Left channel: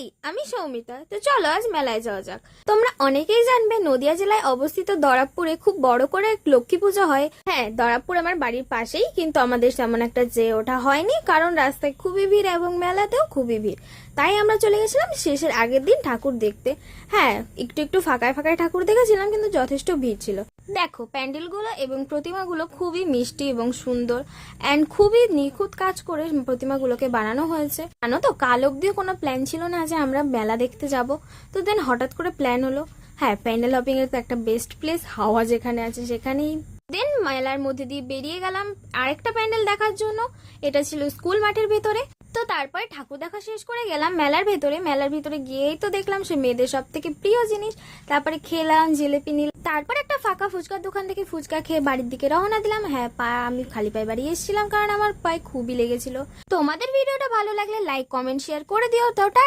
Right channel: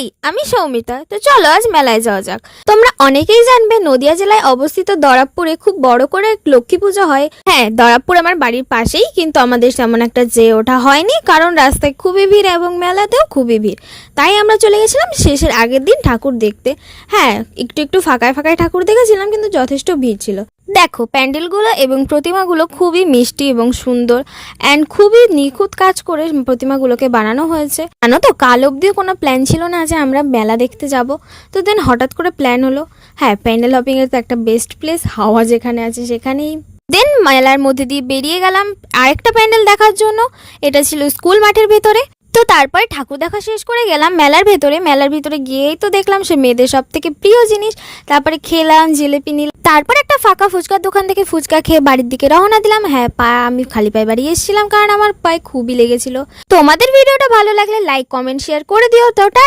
High, আমি সৌমিতা। তো চলো আজ মেলায় যাওয়া যাক। তোমরা অনেকেই জানবে নদিয়া জেলায় অবস্থিত দরাবপুরে খুব বড় করে লক্ষ্মী পুজো হয়। হ্যাঁ, দরাবপুর আমার বাড়ির পাশেই, কিন্তু আমাদের তেমন একটা যেয়ে ওঠা হয়নি, কারণ রাস্তায় খুবই ভিড় এবং মেলাতেও খুবই ভিড়। তাই আমরা চলে গেছিলাম শেষের আগের দিন ঠাকুর দেখতে। হ্যাঁ, একটু একটু ফাঁকায় ফাঁকায় ঠাকুর দেখেছিলাম, কিন্তু যথেষ্ট ভিড় ছিল। দেখো, প্যান্ডেলগুলো এবং প্রতিমাগুলো খুবই মিষ্টি এবং সুন্দর অ্যান্ড খুবই নিখুঁত কাজ করে প্রতিমাগুলোকে বানানো হয়েছে। জানো তো, কাল অবধিও কোনো প্ল্যান ছিল না যে আমরা মেলা দেখতে যাব। তো দেন হঠাৎ করে প্ল্যান হলো। হ্যাঁ, প্যান্ডেল হপিং এর তো একটা বেস্ট প্লেস হাওয়া যেখানে আছে সেখানেই। দেন মেলার মধ্যে দিয়ে বেরিয়ে গেলাম আরেকটা প্যান্ডেল দেখার জন্য। এটা ছিল স্কুল মাঠের ভেতরে। তো তারপরে ঠাকুর দেখা শেষ করে গেলাম মেলার ভেতরে। মেলার ভিতরে গিয়েই তো দেখলাম সে মেয়েদের সব থেকে প্রিয় জিনিস। তারপরে খেলাম, জিলেপি নিলাম। তারপর একটা ফাঁকা ফুচকার দোকান থেকে ফুচকা খেয়ে বাড়ির দিকে রওনা দিলাম। হ্যাঁ, আমি খালি পায়ে বাড়ি এসেছিলাম কারণ আমার পায়ে খুবই লেগেছিল। তোমাদের ভিডিওটা ভালো লাগলে লাইক, কমেন্ট, শেয়ার করে দিও। তো টাটা।